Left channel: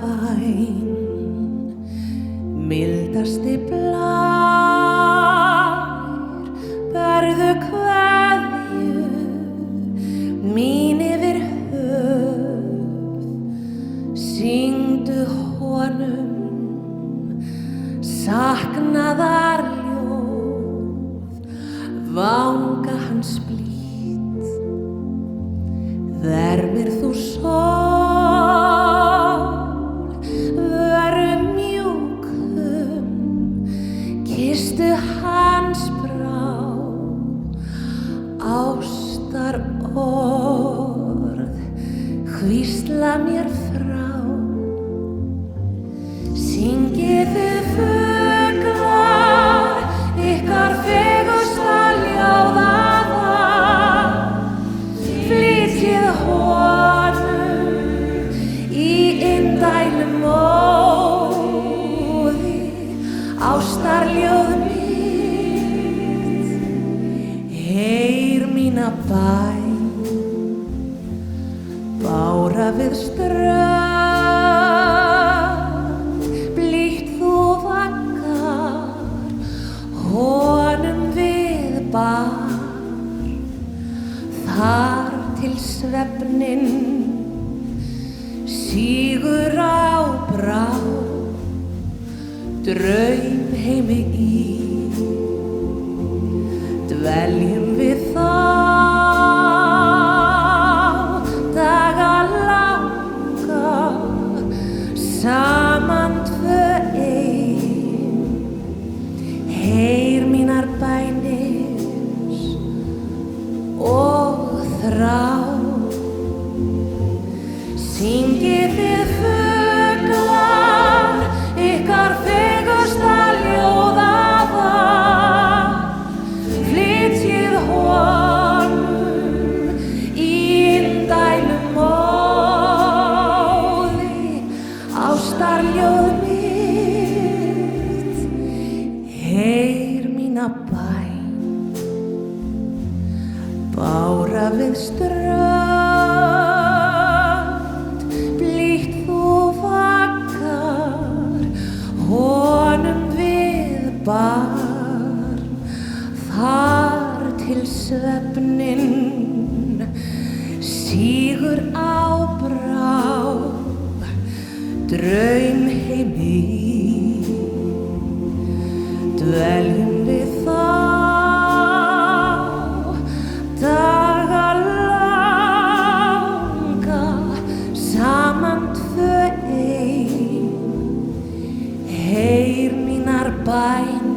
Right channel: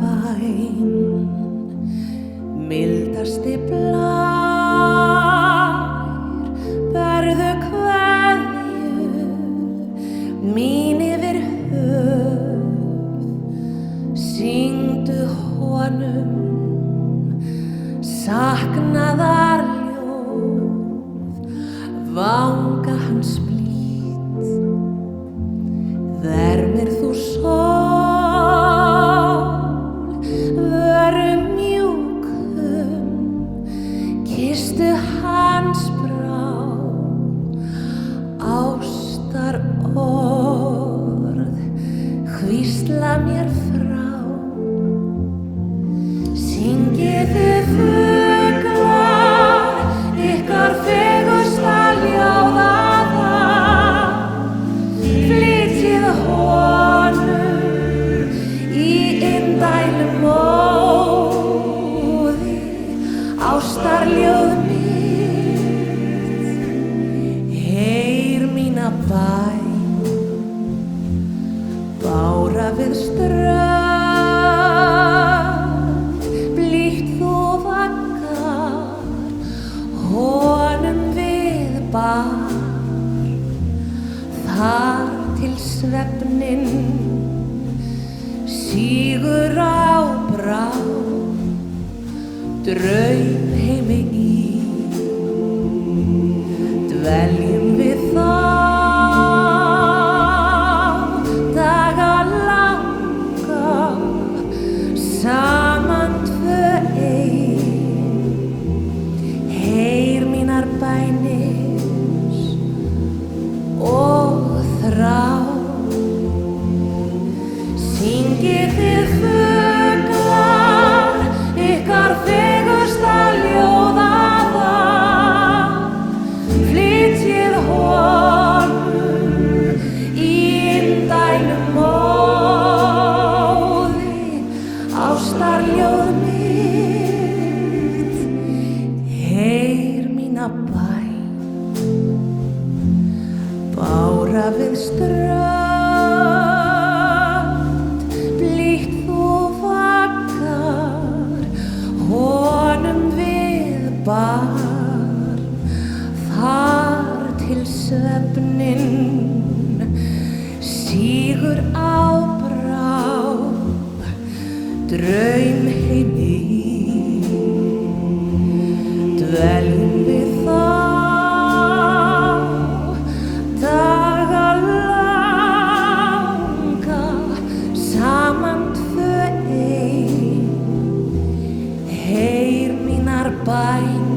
bæn, mildasti blær, berðu kveðju mín yfir höf, syngdu honum saknaðarljóð, vanga hans blít, vermir þú sól, vörum mjúkum, kysstu hans brá, ástar orð, hvísla mér frá. Syngiðu fuglar, ykkar fegusta ljóðaða, flytjið honum í indælum móði, ástarljóð mitt, heyr mína bæn, bára við strönd, blítt þú vaggar, honum við bar, þar til svefninn sígur á brá, draumheimi í, dveljum við þá daga langa, saman tvö ein, heyr mínar bænir og þrá. Syngið þið fuglar, ykkar fegusta ljóðaða, flytjið honum í indælum móði, ástarljóð mitt, heyr mína bæn, bára við strönd, blítt þú vaggar, honum við bar, þar til svefninn sígur á brá, draumheimi í, dveljum við þá daga langa, saman tvö ein, heyr mínar bænir